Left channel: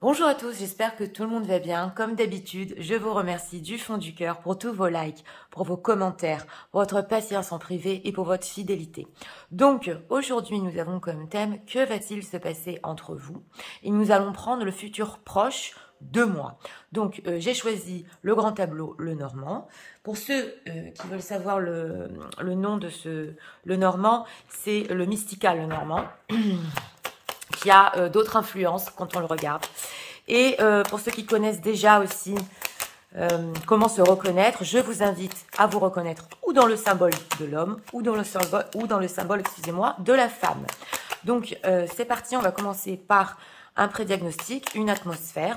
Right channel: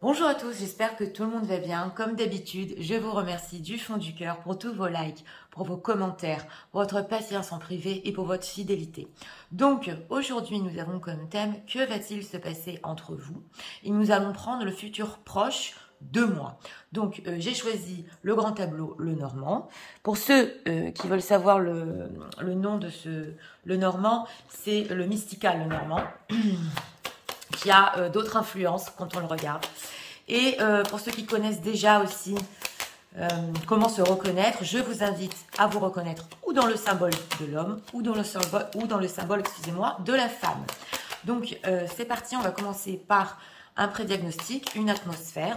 Bonjour à tous, j'espère que tout le monde va bien. Comme d'habitude, je vous remercie du fond du cœur pour tous vos likes, pour vos commentaires, pour votre patience en privé et pour votre fidélité. Donc, aujourd'hui, nous avons comme thème « Que va-t-il se passer entre vous ?» Et nous allons prendre le futur proche de moi. Donc, j'ai choisi le grand tableau Le Normand. Pour ceux qui veulent savoir le nom de Le Normand, c'est le mystical Le Normand. Qui a d'autres influences quand on le regarde. Et pour ceux qui connaissent déjà aussi comment se reconnaître, je vous invite à vous reconnaître ou dans le symbole de l'homme ou dans le symbole, excusez-moi, de la femme. Donc c'est parti, on va commencer par un pré-diagnostic, une atmosphère.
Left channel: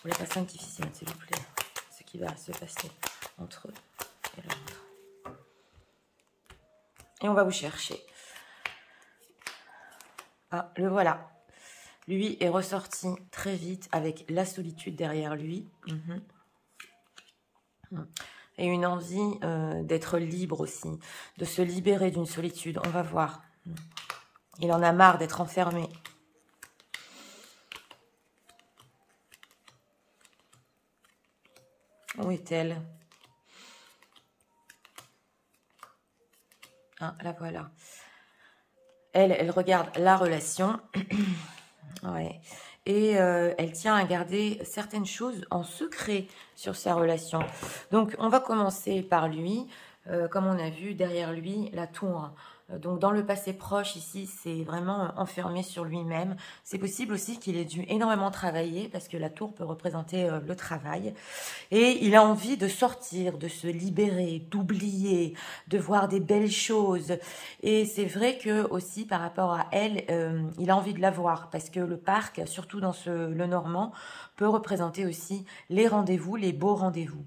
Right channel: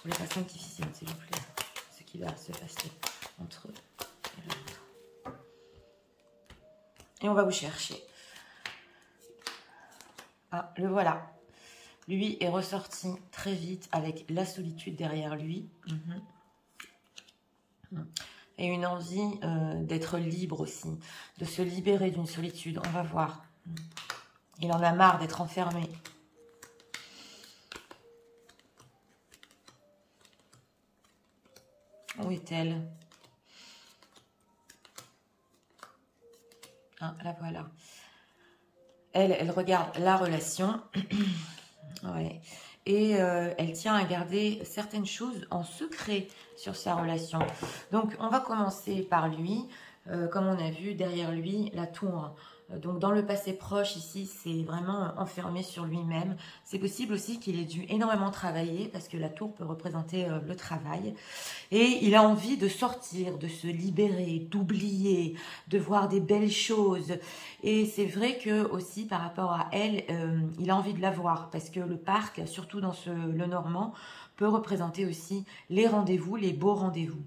Pour les patients difficiles, s'il vous plaît, ce qui va se passer entre eux et l'autre. Et on va vous chercher. Ah, le voilà. Lui est ressorti très vite avec la solitude derrière lui. Et une envie d'être libre aussi, de se libérer d'une solitude. On va voir. Il en a marre d'être enfermé. Où est-elle? Ah, la voilà. Elle regarde la relation. Ouais. Et elle tient à garder certaines choses en secret sur sa relation. Donc, on va commencer par lui. Comme on a vu, derrière lui, la tour. Donc, dans le passé proche, ici, c'est vraiment enfermé sur lui-même. C'est possible aussi qu'il ait dû énormément travailler parce que la tour peut représenter le travail. Et il a envie de sortir, de se libérer, d'oublier, de voir des belles choses. Et c'est vrai que aussi par rapport à elle, il a envie de la voir parce que le parc, surtout dans le Normand, peut représenter aussi les rendez-vous, les beaux rendez-vous.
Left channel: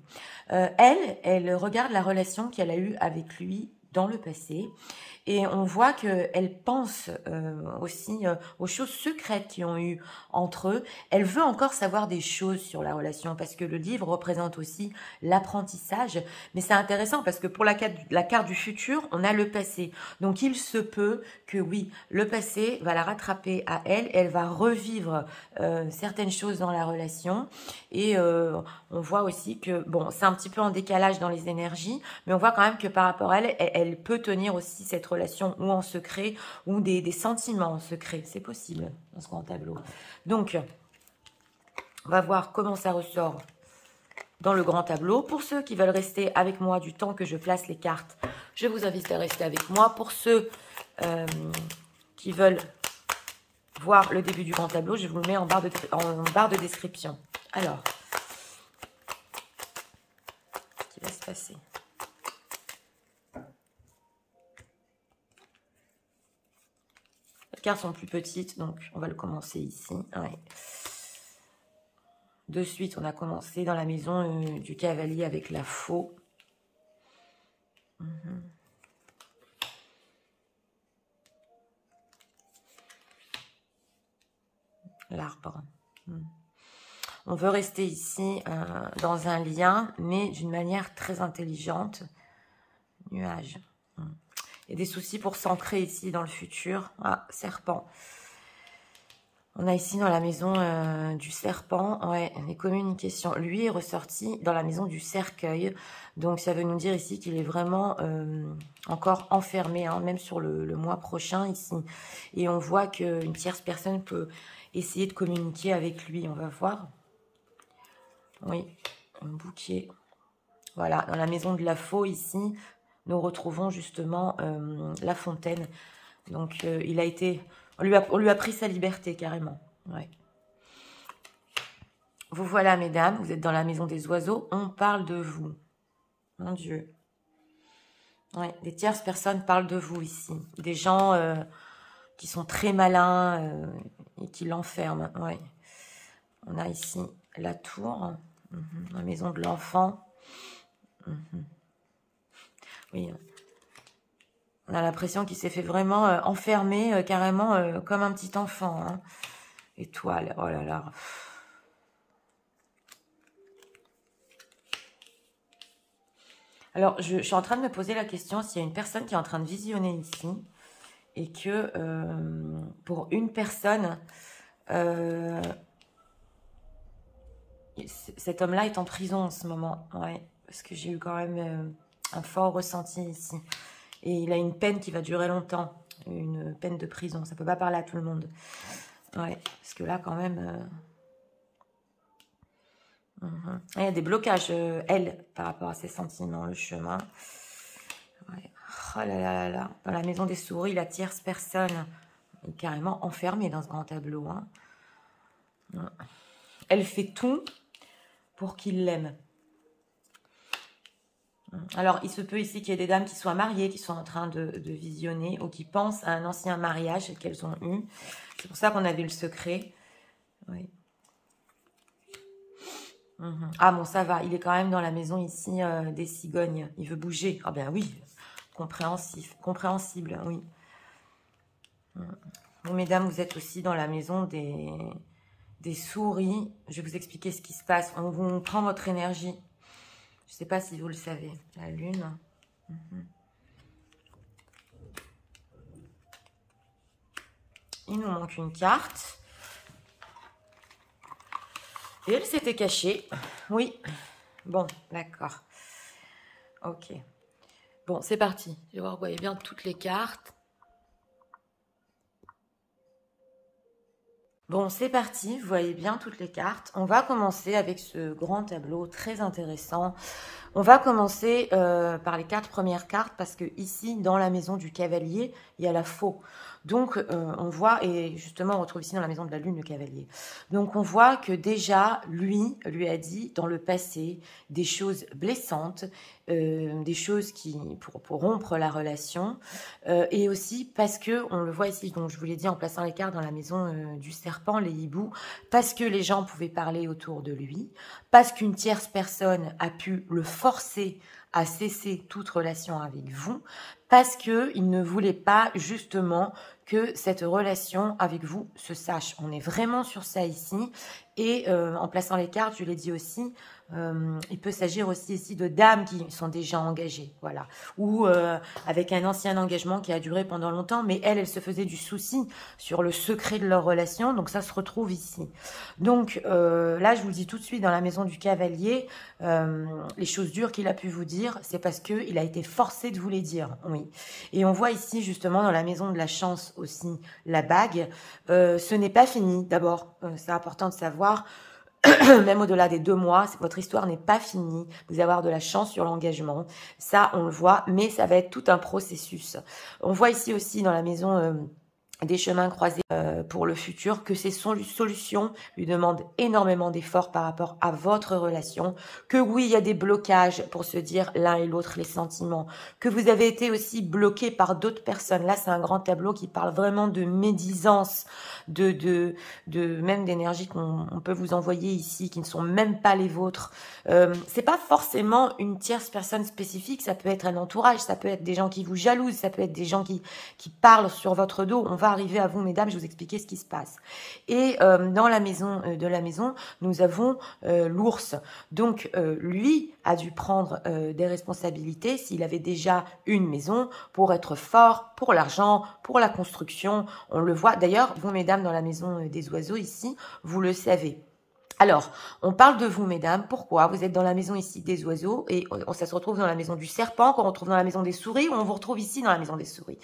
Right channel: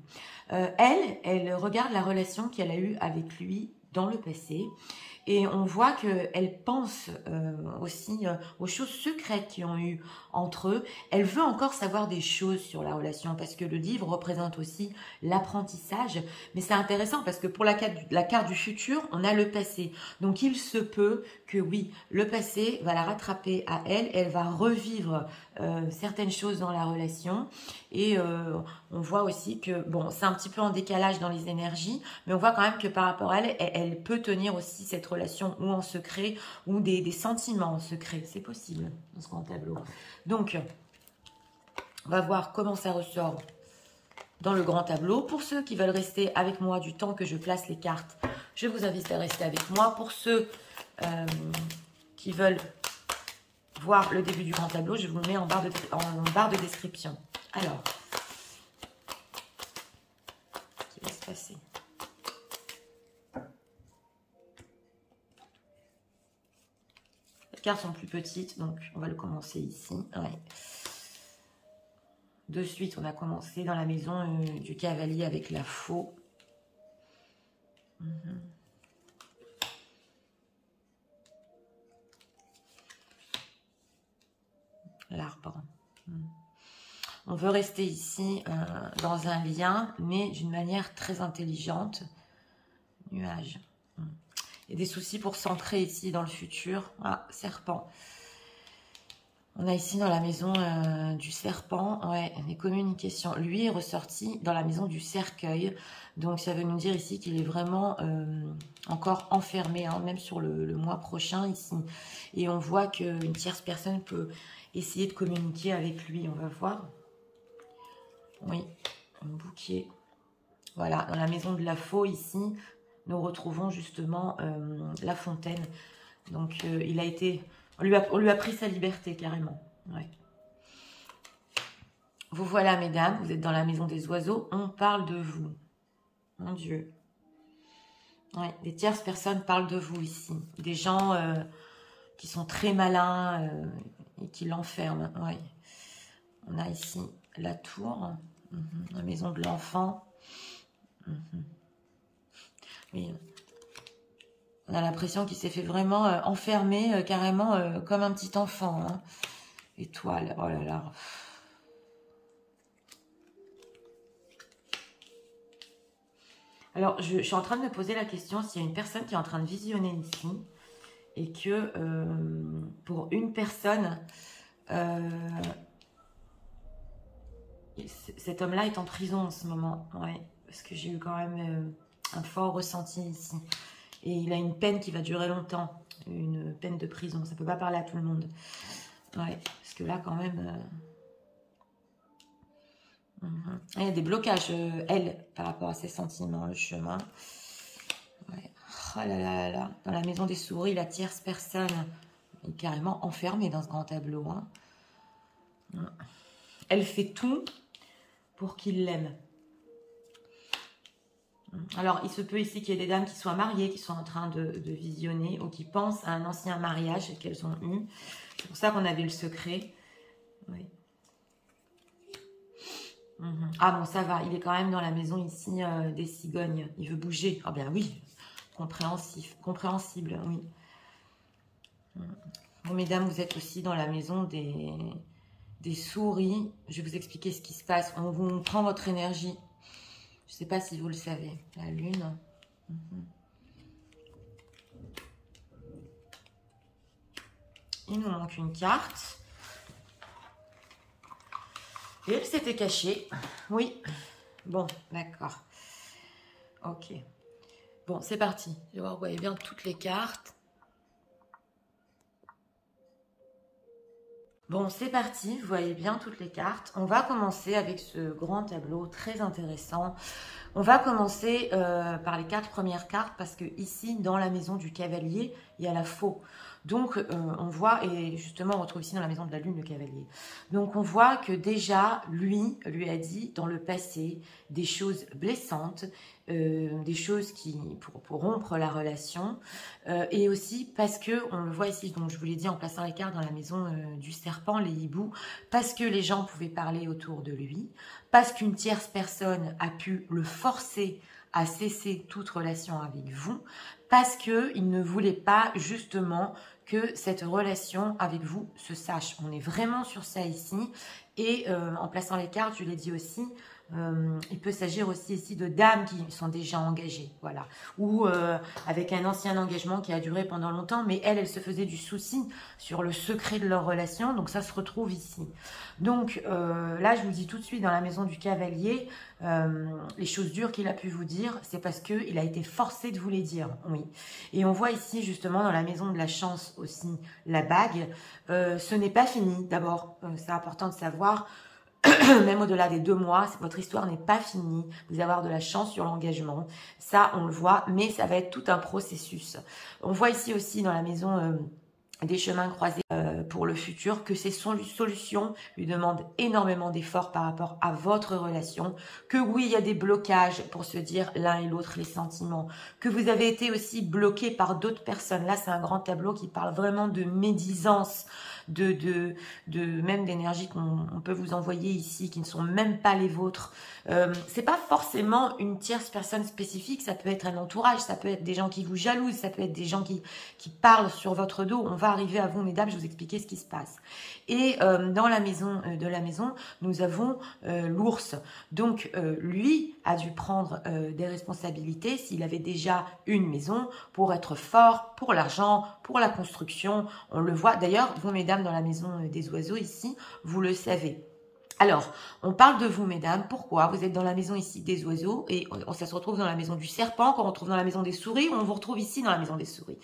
Elle regarde la relation qu'elle a eue avec lui dans le passé. Et on voit qu'elle pense aussi aux choses secrètes qu'ils ont eues entre eux. Elle veut encore savoir des choses sur la relation parce que le livre représente aussi l'apprentissage. Mais c'est intéressant parce que pour la carte du futur, on a le passé. Donc il se peut que oui, le passé va la rattraper à elle. Elle va revivre certaines choses dans la relation. Et on voit aussi que, bon, c'est un petit peu en décalage dans les énergies, mais on voit quand même que par rapport à elle, elle peut tenir aussi cette relation ou en secret ou des sentiments en secret. C'est possible dans ce grand tableau. Donc, on va voir comment ça ressort dans le grand tableau. Pour ceux qui veulent rester avec moi du temps que je place les cartes, je vous invite à rester avec moi. Pour ceux qui veulent voir le début du grand tableau, je vous le mets en barre de description. Alors, qu'est-ce qui va se passer? Les cartes sont plus petites, donc on va le commencer ici. Ouais. De suite, on a commencé dans la maison du cavalier avec la faux. L'arbre. On veut rester ici dans un lien, mais d'une manière très intelligente. Nuage. Il y a des soucis pour s'ancrer ici dans le futur. Ah, serpent. On a ici dans la maison du serpent, ouais, les communications. Lui est ressorti dans la maison du cercueil. Donc, ça veut nous dire ici qu'il est vraiment encore enfermé, hein, même sur le mois prochain ici. Et on voit qu'une tierce personne peut essayer de communiquer avec lui. On va voir. Oui, un bouquet. Voilà, dans la maison de la faux ici, nous retrouvons justement la fontaine. Donc, il a été... On lui a pris sa liberté, carrément. Ouais. Vous voilà, mesdames, vous êtes dans la maison des oiseaux. On parle de vous. Mon Dieu. Ouais, des tierces personnes parlent de vous ici. Des gens qui sont très malins et qui l'enferment. Ouais. On a ici la tour, la maison de l'enfant. Oui. On a l'impression qu'il s'est fait vraiment enfermer, carrément comme un petit enfant. Hein. Étoile, oh là là. Alors, je suis en train de me poser la question s'il y a une personne qui est en train de visionner ici et que pour une personne, Cet homme-là est en prison en ce moment. Ouais, parce que j'ai eu quand même un fort ressenti ici. Et il a une peine qui va durer longtemps. Une peine de prison. Ça ne peut pas parler à tout le monde. Ouais, parce que là, quand même... Il y a des blocages, elle, par rapport à ses sentiments, le chemin. Ouais. Oh là là là là. Dans la maison des souris, la tierce personne est carrément enfermée dans ce grand tableau. Hein. Elle fait tout pour qu'il l'aime. Alors, il se peut ici qu'il y ait des dames qui soient mariées, qui sont en train de visionner ou qui pensent à un ancien mariage qu'elles ont eu. C'est pour ça qu'on avait le secret. Oui. Ah bon, ça va. Il est quand même dans la maison ici des cigognes. Il veut bouger. Ah bien oui, compréhensible, oui. Bon, mesdames, vous êtes aussi dans la maison des souris. Je vais vous expliquer ce qui se passe. On prend votre énergie. Je ne sais pas si vous le savez. La lune. Il nous manque une carte. Et elle s'était cachée. Oui. Bon, d'accord. Ok. Bon, c'est parti. Je vais voir, vous voyez bien toutes les cartes. Bon, c'est parti. Vous voyez bien toutes les cartes. On va commencer avec ce grand tableau très intéressant. On va commencer par les 4 premières cartes parce que ici, dans la maison du cavalier, il y a la faux. Donc, on voit, et justement, on retrouve ici dans la maison de la lune le cavalier. Donc, on voit que déjà, lui a dit dans le passé des choses blessantes, des choses pour rompre la relation. Et aussi parce que, on le voit ici, donc je vous l'ai dit en plaçant les cartes dans la maison du serpent, les hiboux, parce que les gens pouvaient parler autour de lui, parce qu'une tierce personne a pu le forcer à cesser toute relation avec vous, parce qu'il ne voulait pas justement que cette relation avec vous se sache. On est vraiment sur ça ici. Et en plaçant les cartes, je l'ai dit aussi, il peut s'agir aussi ici de dames qui sont déjà engagées, voilà, ou avec un ancien engagement qui a duré pendant longtemps, mais elle se faisait du souci sur le secret de leur relation, donc ça se retrouve ici. Donc là, je vous le dis tout de suite, dans la maison du cavalier, les choses dures qu'il a pu vous dire, c'est parce qu'il a été forcé de vous les dire, oui. Et on voit ici, justement, dans la maison de la chance aussi, la bague, ce n'est pas fini, d'abord, c'est important de savoir. Même au-delà des 2 mois, votre histoire n'est pas finie. Vous allez avoir de la chance sur l'engagement. Ça, on le voit, mais ça va être tout un processus. On voit ici aussi dans la maison des chemins croisés pour le futur, que ces solutions lui demandent énormément d'efforts par rapport à votre relation, que oui, il y a des blocages pour se dire l'un et l'autre les sentiments, que vous avez été aussi bloqué par d'autres personnes. Là, c'est un grand tableau qui parle vraiment de médisance, même d'énergie qu'on peut vous envoyer ici, qui ne sont même pas les vôtres. C'est pas forcément une tierce personne spécifique, ça peut être un entourage, ça peut être des gens qui vous jalousent, ça peut être des gens qui parlent sur votre dos. On va arriver à vous, mesdames, je vais vous expliquer ce qui se passe. Et dans la maison de la maison, nous avons l'ours. Donc, lui a dû prendre des responsabilités s'il avait déjà une maison pour être fort, pour l'argent, pour la construction. On le voit. D'ailleurs, vous, mesdames, dans la maison des oiseaux ici, vous le savez. Alors, on parle de vous, mesdames. Pourquoi? Vous êtes dans la maison ici des oiseaux et ça se retrouve dans la maison du serpent, qu'on retrouve dans la maison des souris, ou on vous retrouve ici dans la maison des souris.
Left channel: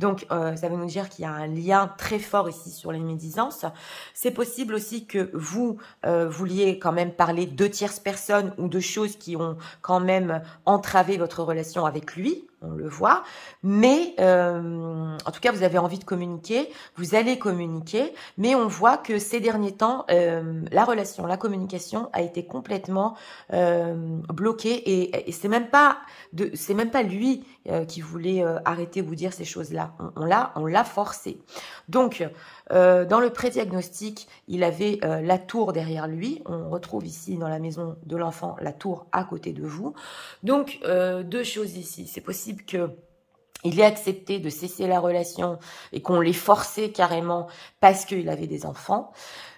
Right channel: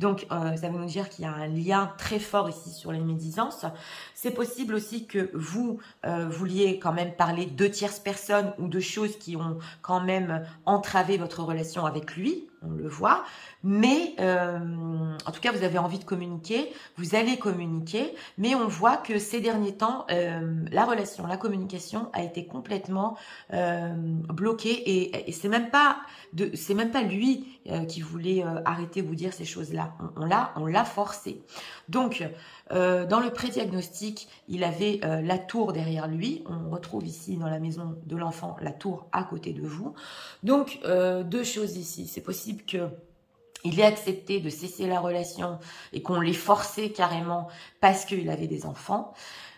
Donc, ça veut nous dire qu'il y a un lien très fort ici sur les médisances. C'est possible aussi que vous vouliez quand même parler de tierces personnes ou de choses qui ont quand même entravé votre relation avec lui. On le voit, mais en tout cas, vous avez envie de communiquer, vous allez communiquer, mais on voit que ces derniers temps, la relation, la communication a été complètement bloquée et c'est même pas lui qui voulait arrêter vous dire ces choses-là. On l'a forcé. Donc, dans le pré-diagnostic, il avait la tour derrière lui. On retrouve ici dans la maison de l'enfant la tour à côté de vous. Donc, 2 choses ici. C'est possible qu'il ait accepté de cesser la relation et qu'on l'ait forcé carrément parce qu'il avait des enfants.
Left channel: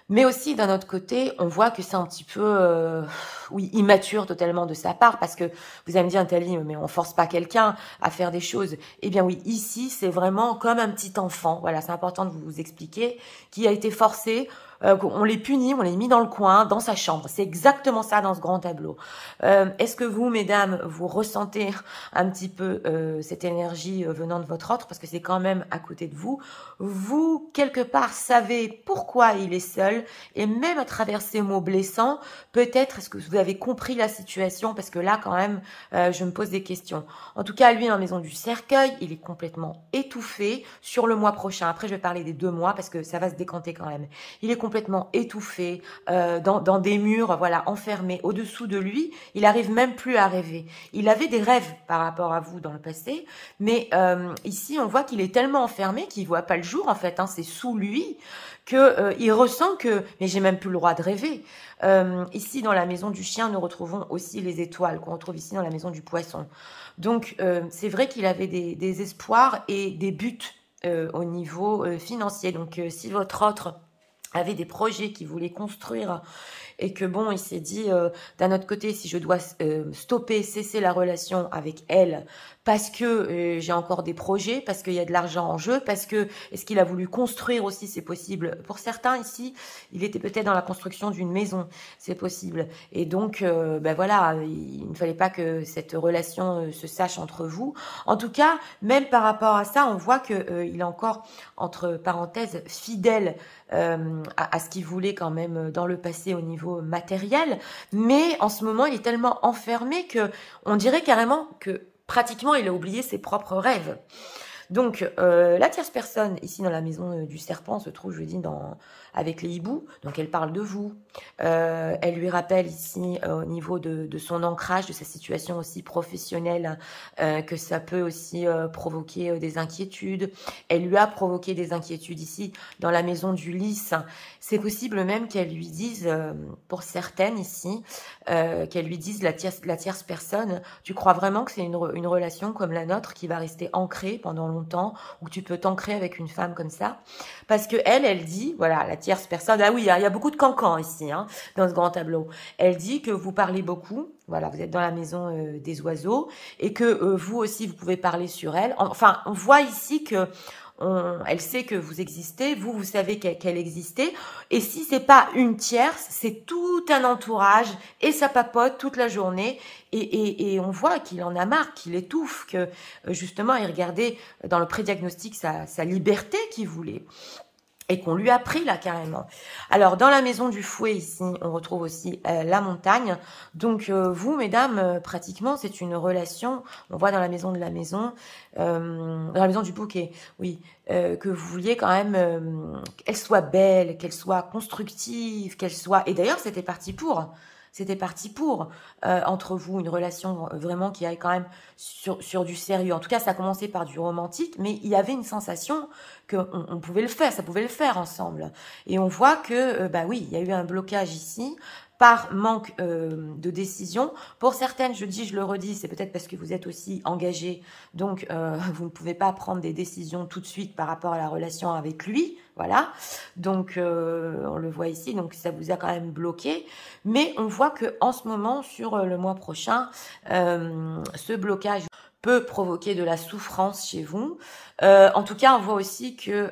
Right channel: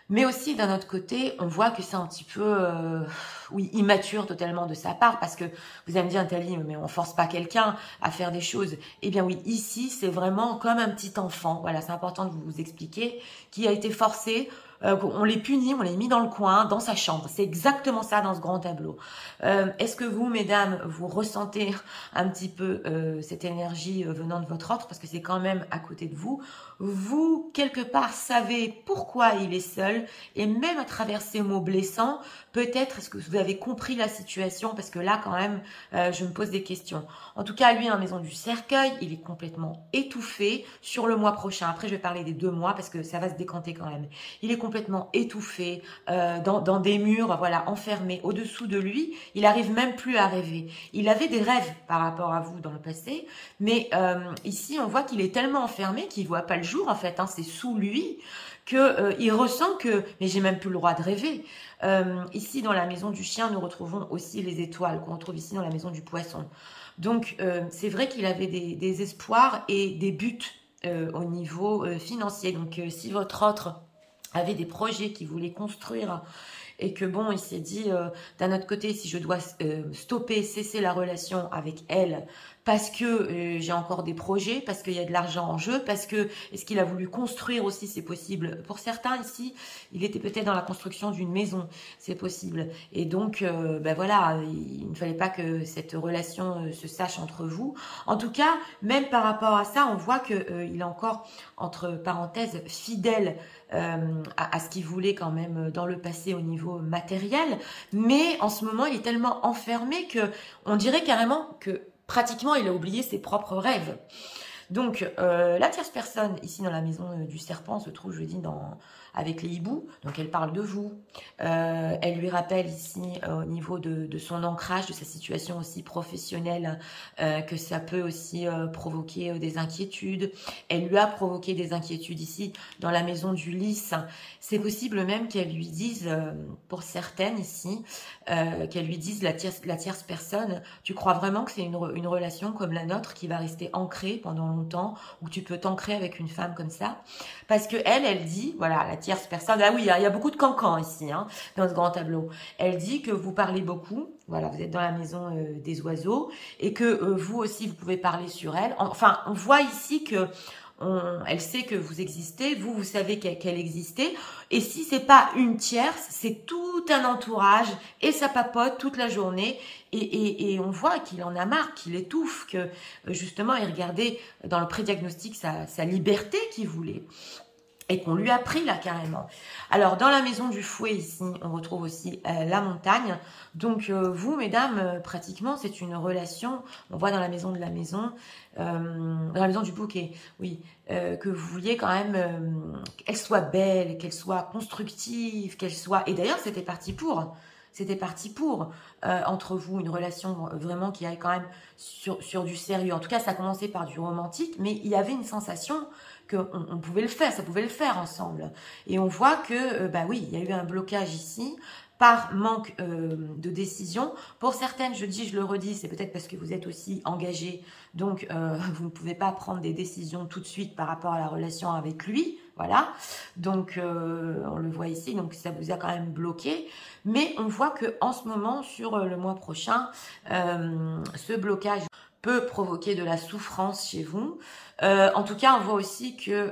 Mais aussi, d'un autre côté, on voit que c'est un petit peu, oui, immature totalement de sa part, parce que vous allez me dire, Nathalie, mais on force pas quelqu'un à faire des choses. Eh bien oui, ici, c'est vraiment comme un petit enfant, voilà, c'est important de vous expliquer, qui a été forcé on les punit, on les met dans le coin, dans sa chambre. C'est exactement ça dans ce grand tableau. Est-ce que vous, mesdames, vous ressentez un petit peu cette énergie venant de votre autre, parce que c'est quand même à côté de vous. Vous, quelque part, savez pourquoi il est seul, et même à travers ces mots blessants, peut-être est-ce que vous avez compris la situation, parce que là, quand même, je me pose des questions. En tout cas, lui, en maison du cercueil, il est complètement étouffé sur le mois prochain. Après, je vais parler des 2 mois, parce que ça va se décanter quand même. Il est complètement étouffé, dans des murs, voilà, enfermés. Au-dessous de lui, il arrive même plus à rêver. Il avait des rêves par rapport à vous dans le passé, mais ici, on voit qu'il est tellement enfermé qu'il voit pas le jour, en fait, hein, c'est sous lui que il ressent que, mais j'ai même plus le droit de rêver. Ici, dans la maison du chien, nous retrouvons aussi les étoiles qu'on retrouve ici dans la maison du poisson. Donc, c'est vrai qu'il avait des espoirs et des buts au niveau financier. Donc, si votre autre avait des projets qu'il voulait construire et que bon, il s'est dit, d'un autre côté, si je dois cesser la relation avec elle, parce que j'ai encore des projets, parce qu'il y a de l'argent en jeu, parce que, est-ce qu'il a voulu construire aussi, c'est possible. Pour certains ici, il était peut-être dans la construction d'une maison, c'est possible. Et donc, ben voilà, il ne fallait pas que cette relation se sache entre vous. En tout cas, même par rapport à ça, on voit qu'il est encore, entre parenthèses, fidèle à ce qu'il voulait quand même dans le passé au niveau matériel, mais en ce moment il est tellement enfermé que on dirait carrément que pratiquement il a oublié ses propres rêves. Donc la tierce personne ici dans la maison du serpent se trouve, je dis, avec les hiboux, donc elle parle de vous, elle lui rappelle ici au niveau de son ancrage, de sa situation aussi professionnelle, que ça peut aussi provoquer des inquiétudes. Elle lui a provoqué des inquiétudes ici dans la maison du lys. C'est possible même qu'elle lui dise, pour certaines ici, qu'elle lui dise, la tierce personne, tu crois vraiment que c'est une relation comme la nôtre qui va rester ancrée pendant longtemps, ou tu peux t'ancrer avec une femme comme ça? Parce que elle dit, voilà, la tierce personne, ah oui, il y a beaucoup de cancans ici, hein, dans ce grand tableau. Elle dit que vous parlez beaucoup, voilà, vous êtes dans la maison des oiseaux, et que vous aussi, vous pouvez parler sur elle. Enfin, on voit ici que elle sait que vous existez, vous savez qu'elle existait, et si c'est pas une tierce, c'est tout un entourage, et ça papote toute la journée, et on voit qu'il en a marre, qu'il étouffe, que justement, il regardait dans le prédiagnostic sa liberté qu'il voulait. Et qu'on lui a pris là carrément. Alors dans la maison du fouet ici, on retrouve aussi la montagne. Donc vous mesdames, pratiquement c'est une relation, on voit dans la maison de la maison, dans la maison du bouquet, oui, que vous vouliez quand même qu'elle soit belle, qu'elle soit constructive, qu'elle soit... Et d'ailleurs c'était parti pour... C'était parti pour, entre vous, une relation vraiment qui aille quand même sur du sérieux. En tout cas, ça a commencé par du romantique, mais il y avait une sensation qu'on pouvait le faire, ça pouvait le faire ensemble. Et on voit que, bah oui, il y a eu un blocage ici par manque de décision. Pour certaines, je dis, je le redis, c'est peut-être parce que vous êtes aussi engagés, donc vous ne pouvez pas prendre des décisions tout de suite par rapport à la relation avec lui. Voilà, donc on le voit ici, donc ça vous a quand même bloqué. Mais on voit que en ce moment, sur le mois prochain, ce blocage peut provoquer de la souffrance chez vous. En tout cas, on voit aussi que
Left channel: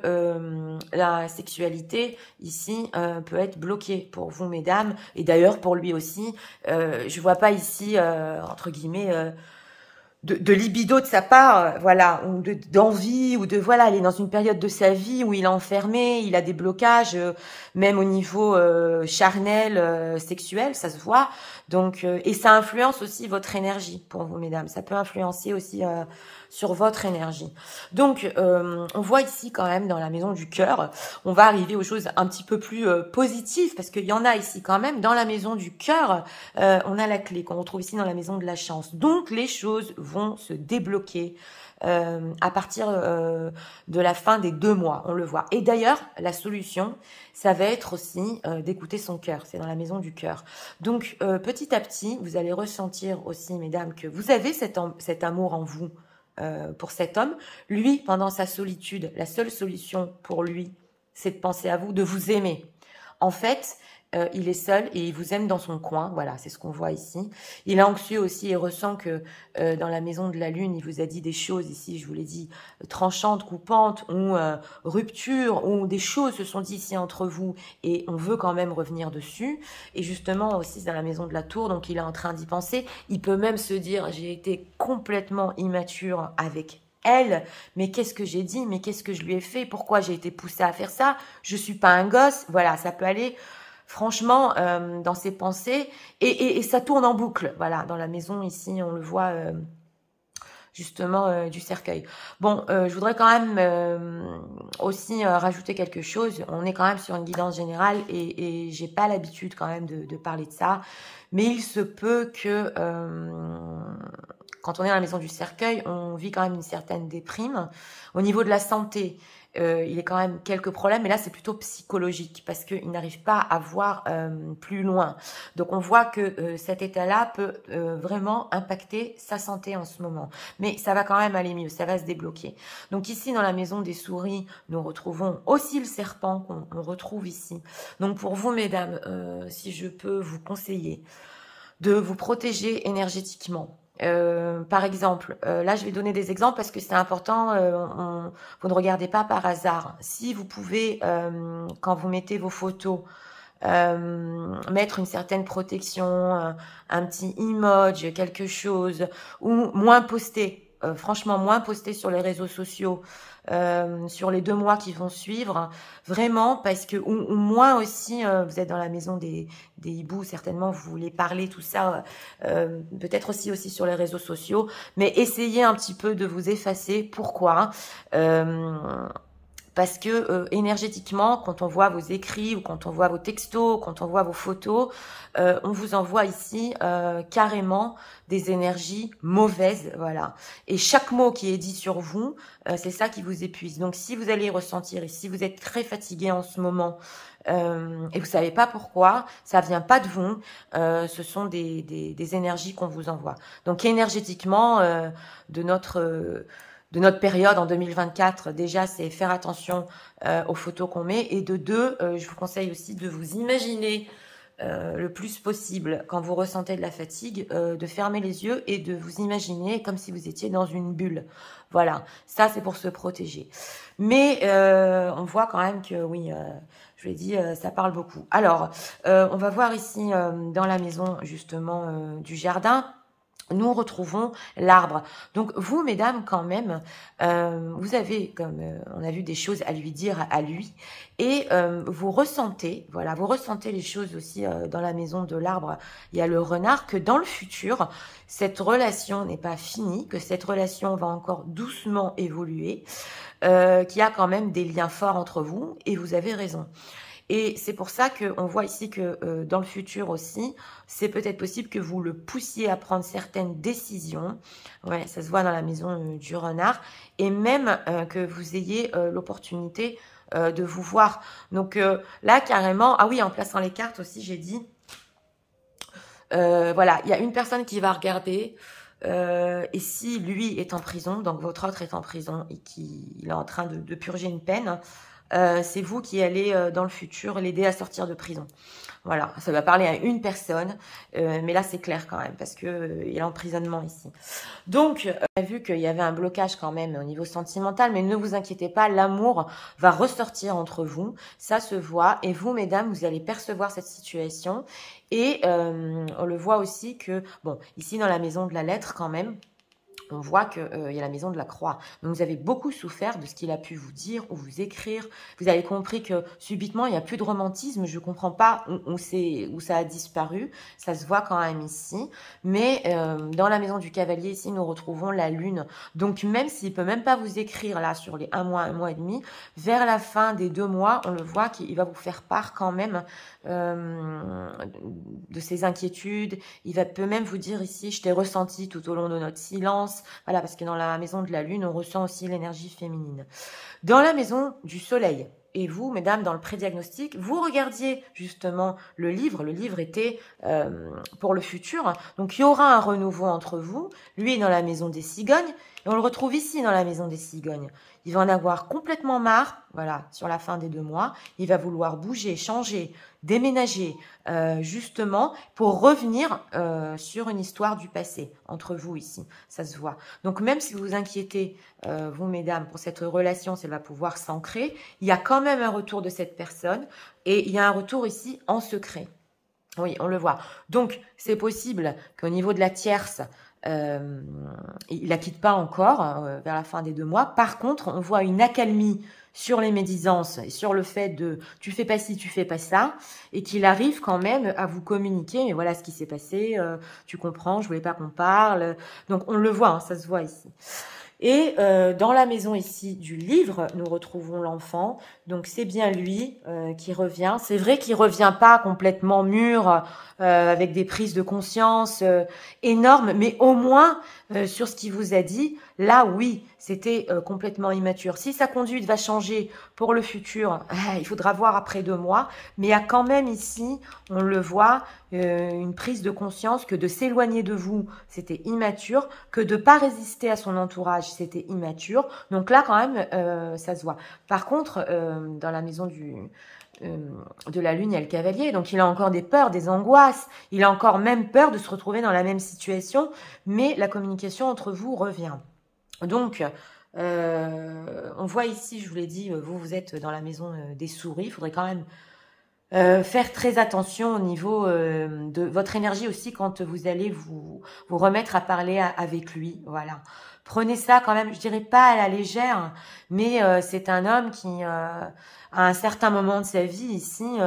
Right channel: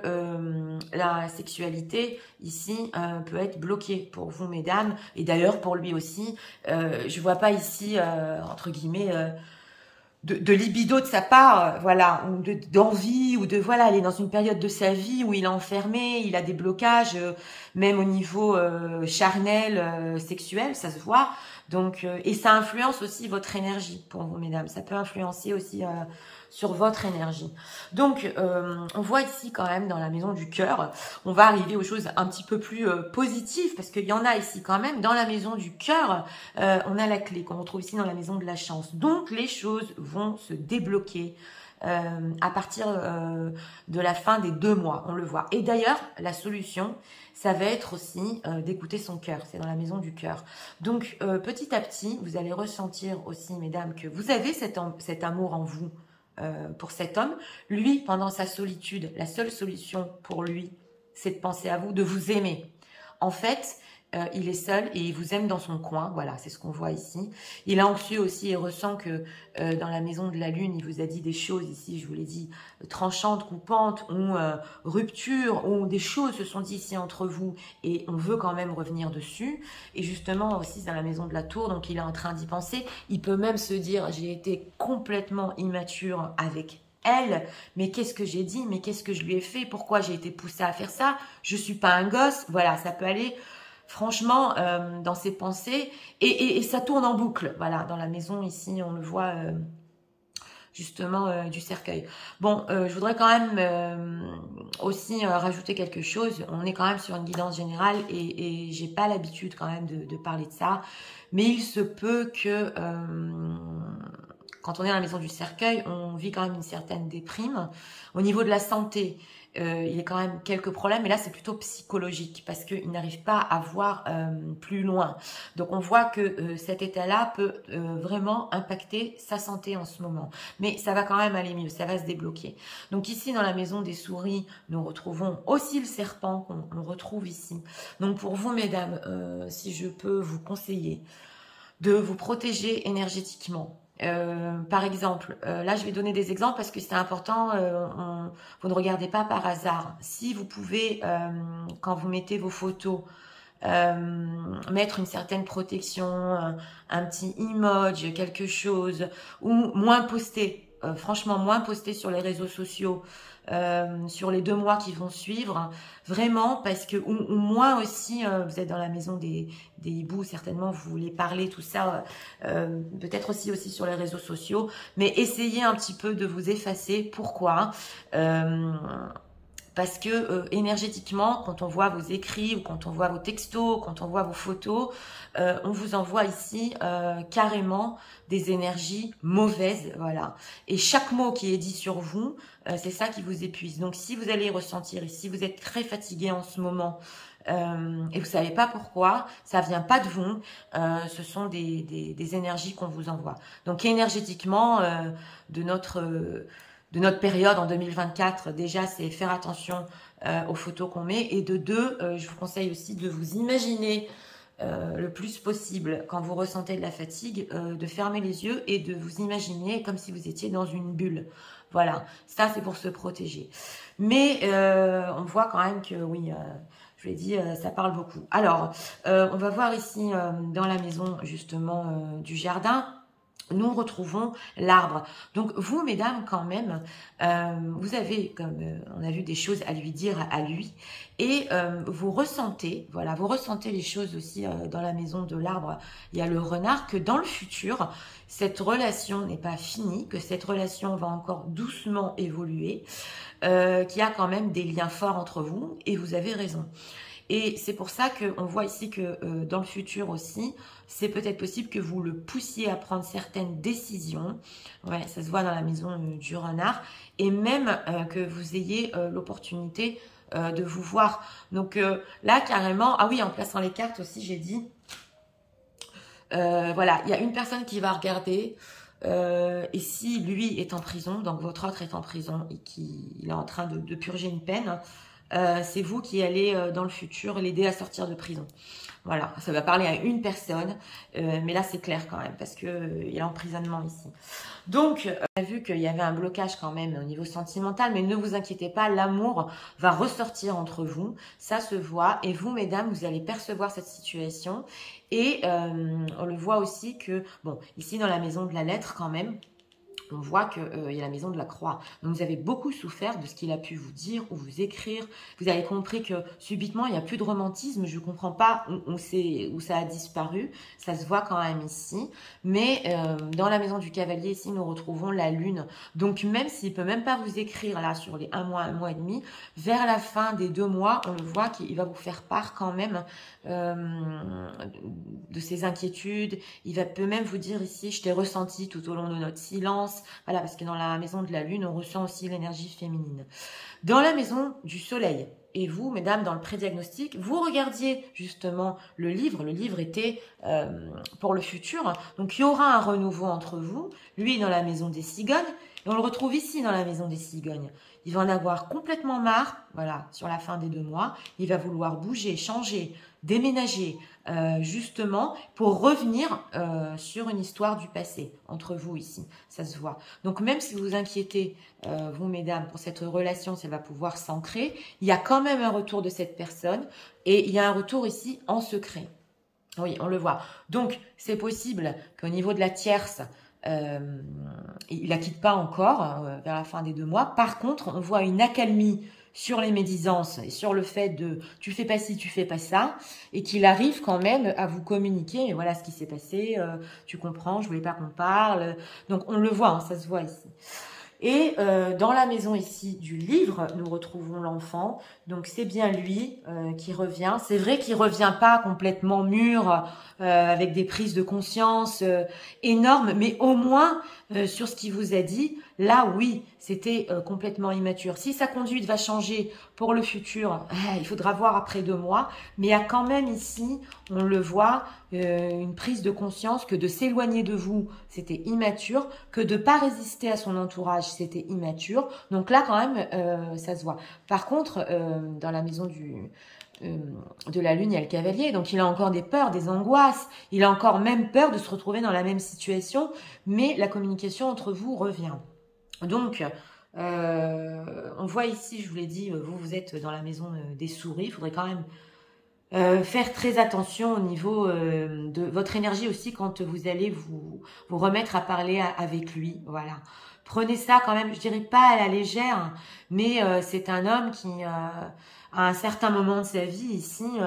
la sexualité ici peut être bloquée pour vous, mesdames, et d'ailleurs pour lui aussi. Je vois pas ici, entre guillemets, de libido de sa part, voilà, ou d'envie, ou de, voilà, il est dans une période de sa vie où il est enfermé, il a des blocages, même au niveau charnel, sexuel, ça se voit. Donc, et ça influence aussi votre énergie pour vous, mesdames. Ça peut influencer aussi sur votre énergie. Donc, on voit ici quand même dans la maison du cœur, on va arriver aux choses un petit peu plus positives, parce qu'il y en a ici quand même. Dans la maison du cœur, on a la clé qu'on retrouve ici dans la maison de la chance. Donc, les choses vont se débloquer à partir de la fin des 2 mois, on le voit. Et d'ailleurs, la solution, ça va être aussi d'écouter son cœur. C'est dans la maison du cœur. Donc, petit à petit, vous allez ressentir aussi, mesdames, que vous avez cet amour en vous pour cet homme. Lui, pendant sa solitude, la seule solution pour lui, c'est de penser à vous, de vous aimer. En fait, il est seul et il vous aime dans son coin. Voilà, c'est ce qu'on voit ici. Il est anxieux aussi et ressent que dans la maison de la lune, il vous a dit des choses ici, je vous l'ai dit, tranchantes, coupantes ou ruptures, ou des choses se sont dites ici entre vous et on veut quand même revenir dessus. Et justement aussi dans la maison de la tour, donc il est en train d'y penser. Il peut même se dire, j'ai été complètement immature avec elle, mais qu'est-ce que j'ai dit, mais qu'est-ce que je lui ai fait, pourquoi j'ai été poussée à faire ça, je suis pas un gosse. Voilà, ça peut aller franchement dans ses pensées et ça tourne en boucle. Voilà, dans la maison ici, on le voit justement du cercueil. Bon, je voudrais quand même aussi rajouter quelque chose. On est quand même sur une guidance générale et j'ai pas l'habitude quand même de parler de ça, mais il se peut que quand on est dans la maison du cercueil, on vit quand même une certaine déprime. Au niveau de la santé, il y a quand même quelques problèmes, mais là c'est plutôt psychologique parce qu'il n'arrive pas à voir plus loin. Donc on voit que cet état-là peut vraiment impacter sa santé en ce moment. Mais ça va quand même aller mieux, ça va se débloquer. Donc ici dans la maison des souris, nous retrouvons aussi le serpent qu'on retrouve ici. Donc pour vous mesdames, si je peux vous conseiller de vous protéger énergétiquement. Par exemple, là je vais donner des exemples parce que c'est important, vous ne regardez pas par hasard. Si vous pouvez, quand vous mettez vos photos, mettre une certaine protection, un petit emoji, quelque chose, ou moins poster, franchement moins poster sur les réseaux sociaux, sur les 2 mois qui vont suivre, vraiment, parce que, ou moins aussi, vous êtes dans la maison des hiboux, certainement, vous voulez parler, tout ça, peut-être aussi sur les réseaux sociaux, mais essayez un petit peu de vous effacer. Pourquoi? Parce que énergétiquement, quand on voit vos écrits ou quand on voit vos textos, quand on voit vos photos, on vous envoie ici carrément des énergies mauvaises, voilà. Et chaque mot qui est dit sur vous, c'est ça qui vous épuise. Donc si vous allez ressentir, et si vous êtes très fatigué en ce moment, et vous ne savez pas pourquoi, ça ne vient pas de vous, ce sont des énergies qu'on vous envoie. Donc énergétiquement, de notre période en 2024, déjà, c'est faire attention aux photos qu'on met. Et de 2, je vous conseille aussi de vous imaginer le plus possible, quand vous ressentez de la fatigue, de fermer les yeux et de vous imaginer comme si vous étiez dans une bulle. Voilà, ça c'est pour se protéger. Mais on voit quand même que, oui, je l'ai dit, ça parle beaucoup. Alors, on va voir ici dans la maison justement du jardin. Nous retrouvons l'arbre. Donc vous, mesdames, quand même, vous avez, comme on a vu, des choses à lui dire à lui. Et vous ressentez, voilà, vous ressentez les choses aussi dans la maison de l'arbre. Il y a le renard, que dans le futur, cette relation n'est pas finie, que cette relation va encore doucement évoluer, qu'il y a quand même des liens forts entre vous. Et vous avez raison. Et c'est pour ça qu'on voit ici que dans le futur aussi, c'est peut-être possible que vous le poussiez à prendre certaines décisions. Ouais, ça se voit dans la maison du renard. Et même que vous ayez l'opportunité de vous voir. Donc là, carrément, ah oui, en plaçant les cartes aussi, j'ai dit, voilà, il y a une personne qui va regarder. Et si lui est en prison, donc votre autre est en prison et qu'il est en train de purger une peine, c'est vous qui allez dans le futur l'aider à sortir de prison. Voilà, ça va parler à une personne, mais là c'est clair quand même parce que il y a l'emprisonnement ici. Donc, on a vu qu'il y avait un blocage quand même au niveau sentimental, mais ne vous inquiétez pas, l'amour va ressortir entre vous, ça se voit. Et vous, mesdames, vous allez percevoir cette situation. Et on le voit aussi que, bon, ici dans la maison de la lettre quand même, on voit qu'il y a la maison de la croix. Donc, vous avez beaucoup souffert de ce qu'il a pu vous dire ou vous écrire. Vous avez compris que subitement, il n'y a plus de romantisme. Je ne comprends pas où ça a disparu. Ça se voit quand même ici. Mais dans la maison du cavalier, ici, nous retrouvons la lune. Donc, même s'il ne peut même pas vous écrire là sur les 1 mois et demi, vers la fin des 2 mois, on le voit qu'il va vous faire part quand même de ses inquiétudes. Peut même vous dire ici, je t'ai ressenti tout au long de notre silence. Voilà, parce que dans la maison de la lune, on ressent aussi l'énergie féminine. Dans la maison du soleil, et vous, mesdames, dans le pré-diagnostic, vous regardiez justement le livre. Le livre était pour le futur. Donc, il y aura un renouveau entre vous. Lui, dans la maison des cigognes. Et on le retrouve ici dans la maison des cigognes. Il va en avoir complètement marre, voilà, sur la fin des 2 mois. Il va vouloir bouger, changer, déménager, justement, pour revenir sur une histoire du passé, entre vous ici. Ça se voit. Donc, même si vous vous inquiétez, vous, mesdames, pour cette relation, si elle va pouvoir s'ancrer, il y a quand même un retour de cette personne et il y a un retour ici en secret. Oui, on le voit. Donc, c'est possible qu'au niveau de la tierce, il la quitte pas encore vers la fin des 2 mois. Par contre, on voit une accalmie sur les médisances et sur le fait de tu fais pas ci, tu fais pas ça, et qu'il arrive quand même à vous communiquer. Mais voilà ce qui s'est passé, tu comprends, je voulais pas qu'on parle. Donc on le voit, hein, ça se voit ici. Et dans la maison ici du livre, nous retrouvons l'enfant. Donc c'est bien lui qui revient. C'est vrai qu'il revient pas complètement mûr, avec des prises de conscience énormes, mais au moins sur ce qu'il vous a dit, là oui, c'était complètement immature. Si sa conduite va changer pour le futur, il faudra voir après 2 mois. Mais il y a quand même ici, on le voit, une prise de conscience que de s'éloigner de vous, c'était immature, que de ne pas résister à son entourage, c'était immature. Donc là, quand même, ça se voit. Par contre, dans la maison de la lune, il y a le cavalier. Donc, il a encore des peurs, des angoisses. Il a encore même peur de se retrouver dans la même situation. Mais la communication entre vous revient. Donc, on voit ici, je vous l'ai dit, vous êtes dans la maison des souris. Il faudrait quand même faire très attention au niveau de votre énergie aussi quand vous allez vous remettre à parler avec lui. Voilà. Prenez ça quand même, je dirais pas à la légère, mais c'est un homme qui, à un certain moment de sa vie ici,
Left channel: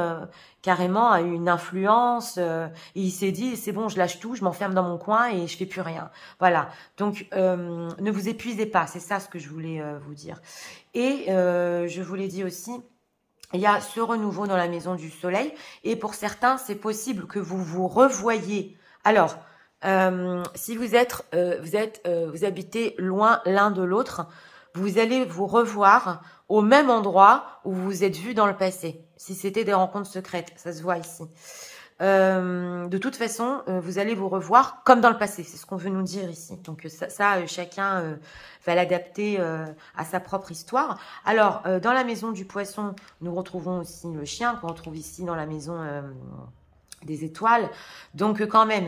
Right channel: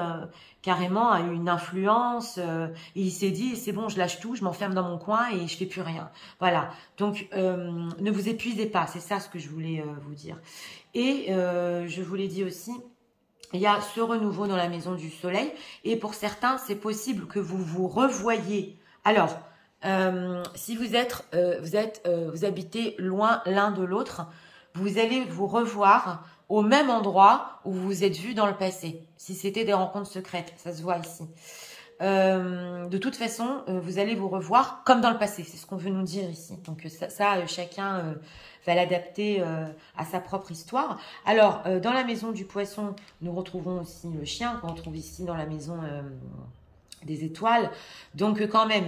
carrément a eu une influence et il s'est dit, c'est bon, je lâche tout, je m'enferme dans mon coin et je fais plus rien. Voilà. Donc, ne vous épuisez pas, c'est ça ce que je voulais vous dire. Et je vous l'ai dit aussi, il y a ce renouveau dans la maison du soleil et pour certains, c'est possible que vous vous revoyiez. Alors, si vous habitez loin l'un de l'autre, vous allez vous revoir au même endroit où vous vous êtes vus dans le passé. Si c'était des rencontres secrètes, ça se voit ici. De toute façon, vous allez vous revoir comme dans le passé. C'est ce qu'on veut nous dire ici. Donc ça chacun va l'adapter à sa propre histoire. Alors, dans la maison du poisson, nous retrouvons aussi le chien qu'on retrouve ici dans la maison des étoiles. Donc quand même,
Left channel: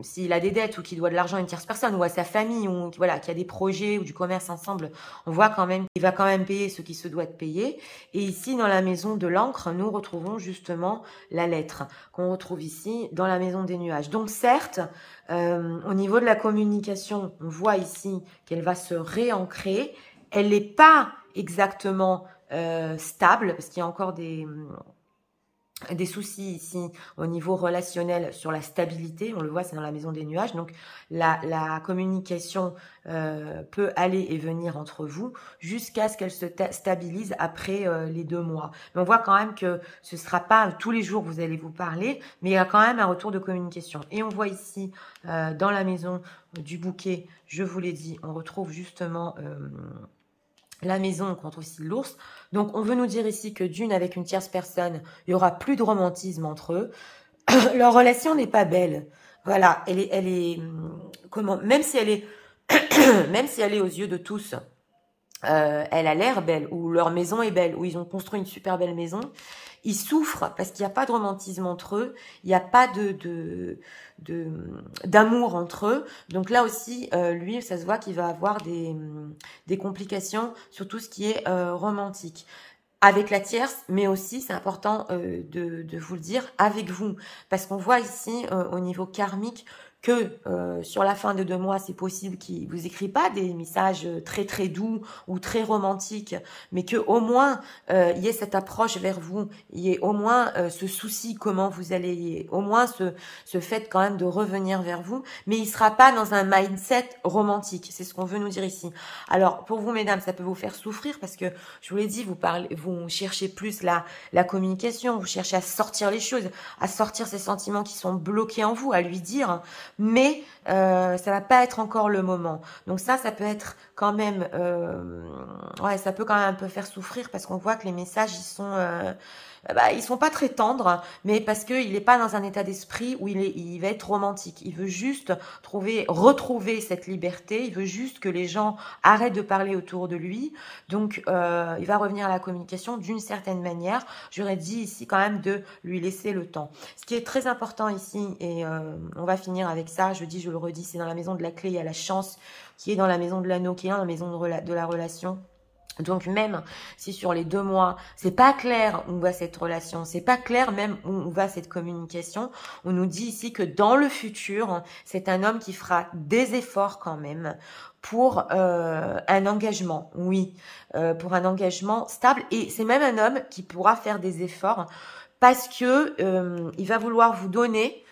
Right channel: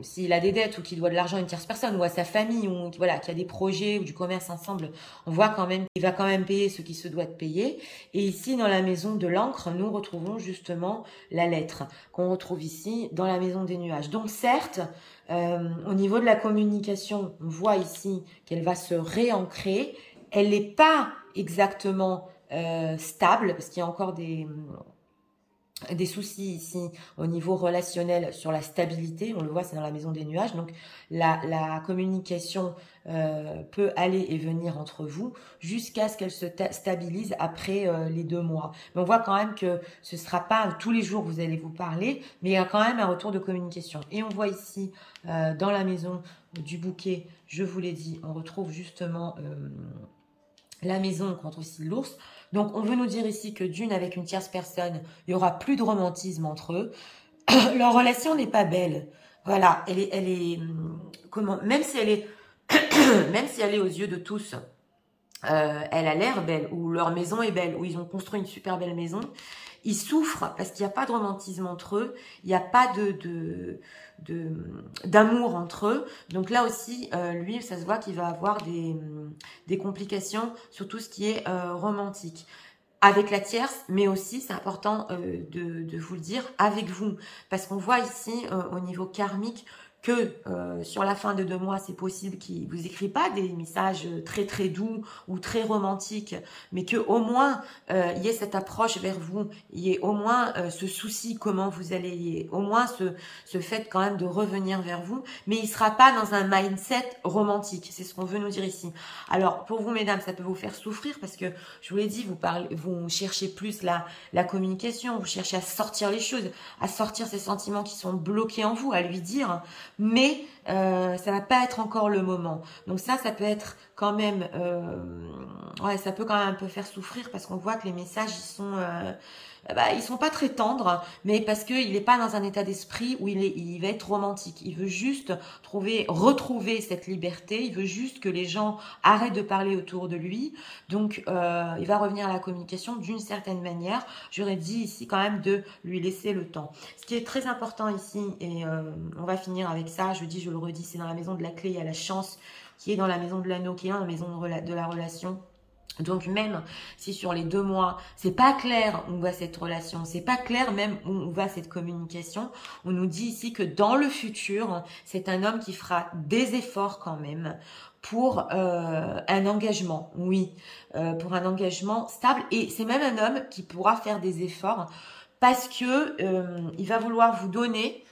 s'il a des dettes ou qu'il doit de l'argent à une tierce personne ou à sa famille ou voilà, qu'il y a des projets ou du commerce ensemble, on voit quand même qu'il va quand même payer ce qui se doit de payer. Et ici, dans la maison de l'encre, nous retrouvons justement la lettre qu'on retrouve ici dans la maison des nuages. Donc certes, au niveau de la communication, on voit ici qu'elle va se réancrer. Elle n'est pas exactement stable parce qu'il y a encore des soucis ici au niveau relationnel sur la stabilité. On le voit, c'est dans la maison des nuages. Donc, la communication peut aller et venir entre vous jusqu'à ce qu'elle se stabilise après les 2 mois. Mais on voit quand même que ce ne sera pas tous les jours que vous allez vous parler, mais il y a quand même un retour de communication. Et on voit ici, dans la maison du bouquet, je vous l'ai dit, on retrouve justement la maison contre aussi l'ours. Donc, on veut nous dire ici que d'une, avec une tierce personne, il n'y aura plus de romantisme entre eux. Leur relation n'est pas belle. Voilà, elle est comment, même si elle est, même si elle est aux yeux de tous, elle a l'air belle, ou leur maison est belle, ou ils ont construit une super belle maison. Ils souffrent parce qu'il n'y a pas de romantisme entre eux, il n'y a pas d'amour entre eux. Donc là aussi, lui, ça se voit qu'il va avoir des complications sur tout ce qui est romantique. Avec la tierce, mais aussi, c'est important de vous le dire, avec vous. Parce qu'on voit ici, au niveau karmique, que sur la fin de 2 mois, c'est possible qu'il ne vous écrit pas des messages très très doux ou très romantiques, mais qu'au moins il y ait cette approche vers vous, il y ait au moins ce souci comment vous allez, au moins ce fait quand même de revenir vers vous, mais il ne sera pas dans un mindset romantique, c'est ce qu'on veut nous dire ici. Alors pour vous mesdames, ça peut vous faire souffrir parce que je vous l'ai dit, vous cherchez plus la communication, vous cherchez à sortir les choses, à sortir ces sentiments qui sont bloqués en vous, à lui dire, mais ça va pas être encore le moment. Donc ça peut être quand même, ouais, ça peut quand même un peu faire souffrir parce qu'on voit que les messages, ils sont pas très tendres, mais parce qu'il n'est pas dans un état d'esprit où il va être romantique. Il veut juste retrouver cette liberté. Il veut juste que les gens arrêtent de parler autour de lui. Donc, il va revenir à la communication d'une certaine manière. J'aurais dit ici quand même de lui laisser le temps. Ce qui est très important ici, et on va finir avec ça, je le redis, c'est dans la maison de la clé, il y a la chance qui est dans la maison de l'anneau, qui est dans la maison de la relation. Donc même si sur les 2 mois, c'est pas clair où va cette relation, c'est pas clair même où va cette communication, on nous dit ici que dans le futur, c'est un homme qui fera des efforts quand même pour un engagement, oui, pour un engagement stable. Et c'est même un homme qui pourra faire des efforts parce que il va vouloir vous donner,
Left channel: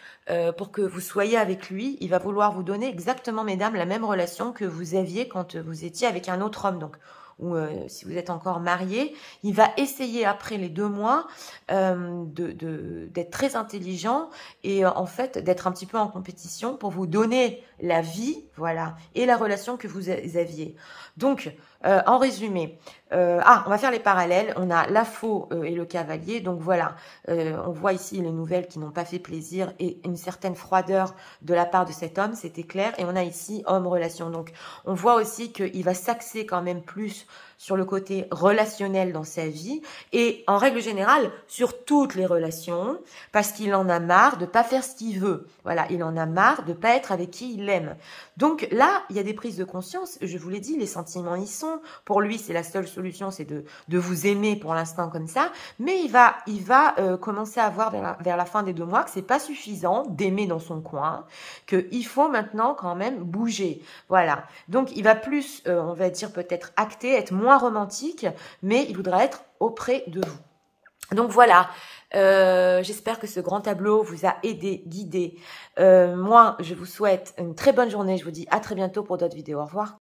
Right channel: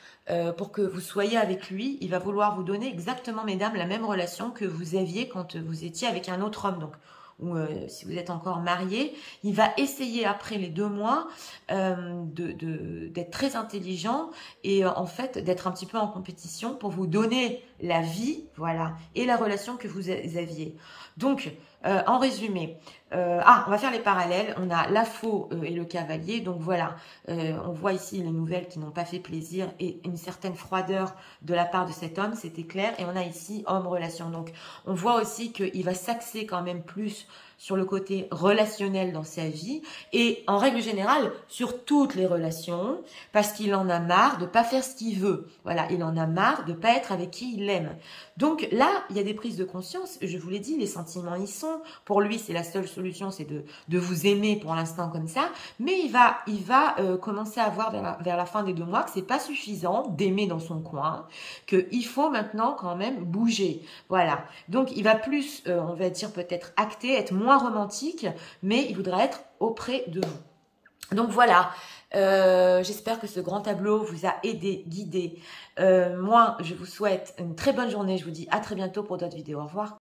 pour que vous soyez avec lui, il va vouloir vous donner exactement, mesdames, la même relation que vous aviez quand vous étiez avec un autre homme. Donc, ou si vous êtes encore marié, il va essayer après les 2 mois d'être très intelligent et en fait d'être un petit peu en compétition pour vous donner la vie, voilà, et la relation que vous aviez. Donc, en résumé, on va faire les parallèles. On a la faux et le cavalier. Donc voilà, on voit ici les nouvelles qui n'ont pas fait plaisir et une certaine froideur de la part de cet homme, c'était clair. Et on a ici homme-relation. Donc on voit aussi qu'il va s'axer quand même plus sur le côté relationnel dans sa vie et en règle générale sur toutes les relations parce qu'il en a marre de pas faire ce qu'il veut. Voilà, il en a marre de pas être avec qui il aime. Donc là, il y a des prises de conscience. Je vous l'ai dit, les sentiments y sont. Pour lui, c'est la seule solution, c'est de vous aimer pour l'instant comme ça. Mais il va commencer à voir vers la fin des 2 mois que c'est pas suffisant d'aimer dans son coin, qu'il faut maintenant quand même bouger. Voilà. Donc il va plus, on va dire peut-être acter, être moins romantique, mais il voudra être auprès de vous. Donc voilà. J'espère que ce grand tableau vous a aidé, guidé. Moi, je vous souhaite une très bonne journée. Je vous dis à très bientôt pour d'autres vidéos. Au revoir.